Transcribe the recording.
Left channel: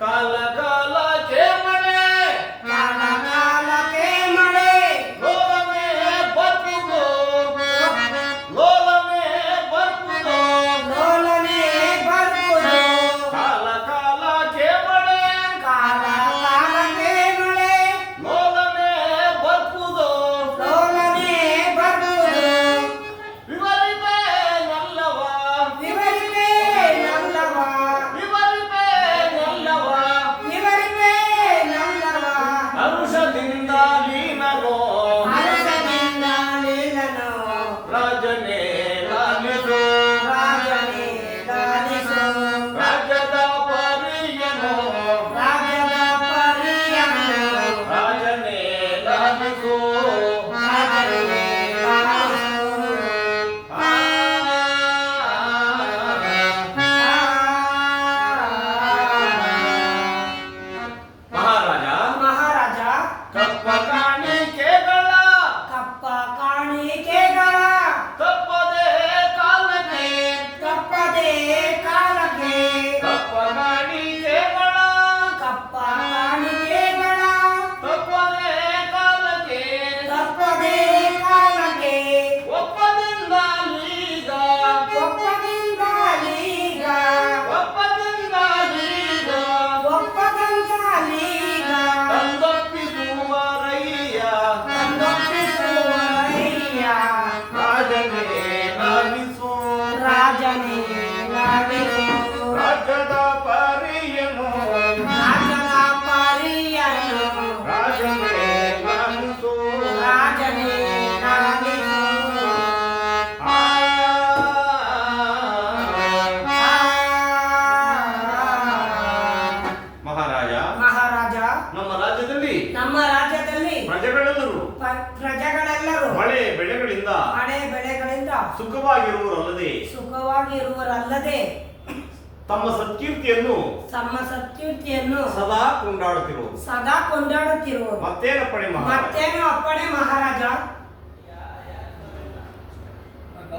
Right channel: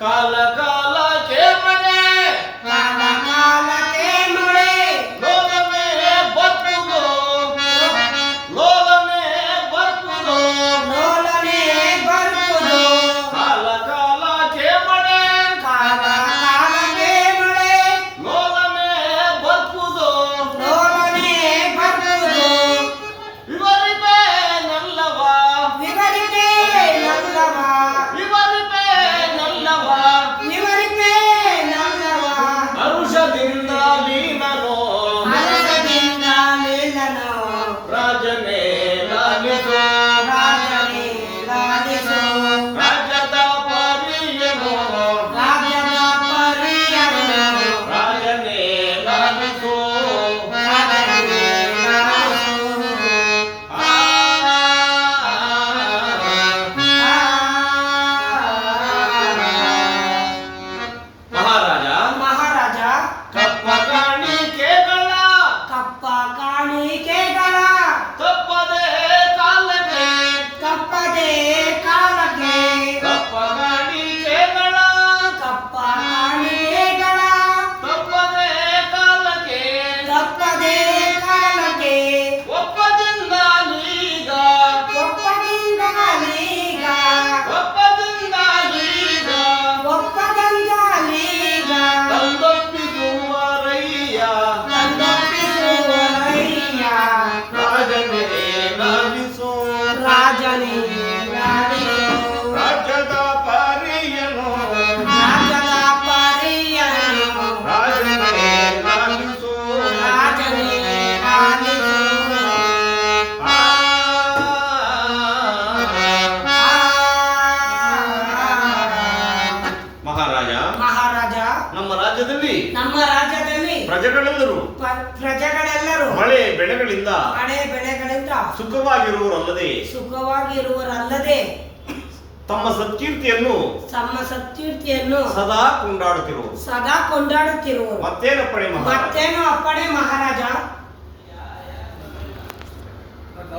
ಕಾಲ ಕಾಲಕ್ಕೆ ಮಳೆ ಕಾಲ ಕಾಲಕ್ಕೆ ಮಳೆ ಲೋಲನೆ ಬರ್ತುದು ಲೋಲನೆ ಬರ್ತುದು ಲೋಲನೆ ಬರ್ತುದು ಕಾಲ ಕಾಲಕ್ಕೆ ಮಳೆ ಕಾಲ ಕಾಲಕ್ಕೆ ಮಳೆ ಲೋಲನೆ ಬರ್ತುದು ಲೋಲನೆ ಬರ್ತುದು ವಿವರಿಪೆ ನಲ್ಲವ ವಿವರಿಪೆ ನಲ್ಲವ ವಿವರಿಪೆ ನಲ್ಲವ ವಿವರಿಪೆ ನಲ್ಲವ ಹರುಷದಿಂದ ಲೀನನೋ ಹರ್ಷದಿಂದ ನೀಲನು ರಾಜನೇ ಲಾಲಿಸು ರಾಜನೇ ಲಾಲಿಸು ರಾಜ್ಯದ ಪರಿಯನು ರಾಜ್ಯದ ಪರಿಯನು ರಾಜನೇ ಲಾಲಿಸು ರಾಜನೇ ಲಾಲಿಸು ಆ ಮಹಾರಾಜ ಮಹಾರಾಜ ಕಪ್ಪ ಕಾಣಿಕೆಗಳ ಕಪ್ಪ ಕಾಣಿಕೆಗಳ ತಪ್ಪದೆ ಕಾಲಕ್ಕೆ ತಪ್ಪದೆ ಕಾಲಕ್ಕೆ ಕಪ್ಪ ಕಾಣಿಕೆಗಳ ಕಪ್ಪ ಕಾಣಿಕೆಗಳ ತಪ್ಪದೆ ಕಾಲಕ್ಕೆ ತಪ್ಪದೆ ಕಾಲಕ್ಕೆ ಒಪ್ಪದಿಂದ ಲೀಗ ಒಪ್ಪದಿಂದ ಲೀಗ ಒಪ್ಪದಿಂದ ಲೀಗ ಒಪ್ಪದಿಂದ ಲೀಗ ತಂದೊಪ್ಪಿಸುವರಯ್ಯ ತಂದೊಪ್ಪಿಸುವರಯ್ಯ ರಾಜನೇ ಲಾಲಿಸು ರಾಜನೇ ಲಾಲಿಸು ರಾಜ್ಯದ ಪರಿಯನು ರಾಜನ ಪರಿಯನು ರಾಜನೇ ಲಾಲಿಸು ರಾಜನೇ ಲಾಲಿಸು ಆ ಮಹಾರಾಜ ಮಹಾರಾಜ ನಮ್ಮ ರಾಜ್ಯದಲ್ಲಿ ನಮ್ಮ ರಾಜ್ಯದಲ್ಲಿ ಪ್ರಜೆಗಳೆಲ್ಲರೂ ಪ್ರಜೆಗಳೆಲ್ಲರೂ ಮಳೆ ಬೆಳೆಗಳಿಂದ ಮಳೆ ಬೆಳೆಗಳಿಂದ ಸುಖವಾಗಿರುವರಲ್ಲದೆ ಸುಖವಾಗಿರುವರಲ್ಲದೆ ತಮ್ಮ ಸತ್ಕೀರ್ತಿಯನ್ನು ತಮ್ಮ ಸತ್ಕೀರ್ತಿಯನ್ನು ಸದಾ ಕೊಂಡಾಡುತ್ತಿರುವರು. ಸದಾ ಕೊಂಡಾಡುತ್ತಿರುವರು. ಮತ್ತೇನಪ್ಪಣೆ ಮಹಾರಾಜ? ಮತ್ತೇನು ಅಪ್ಪಣೆ ಮಹಾರಾಜ?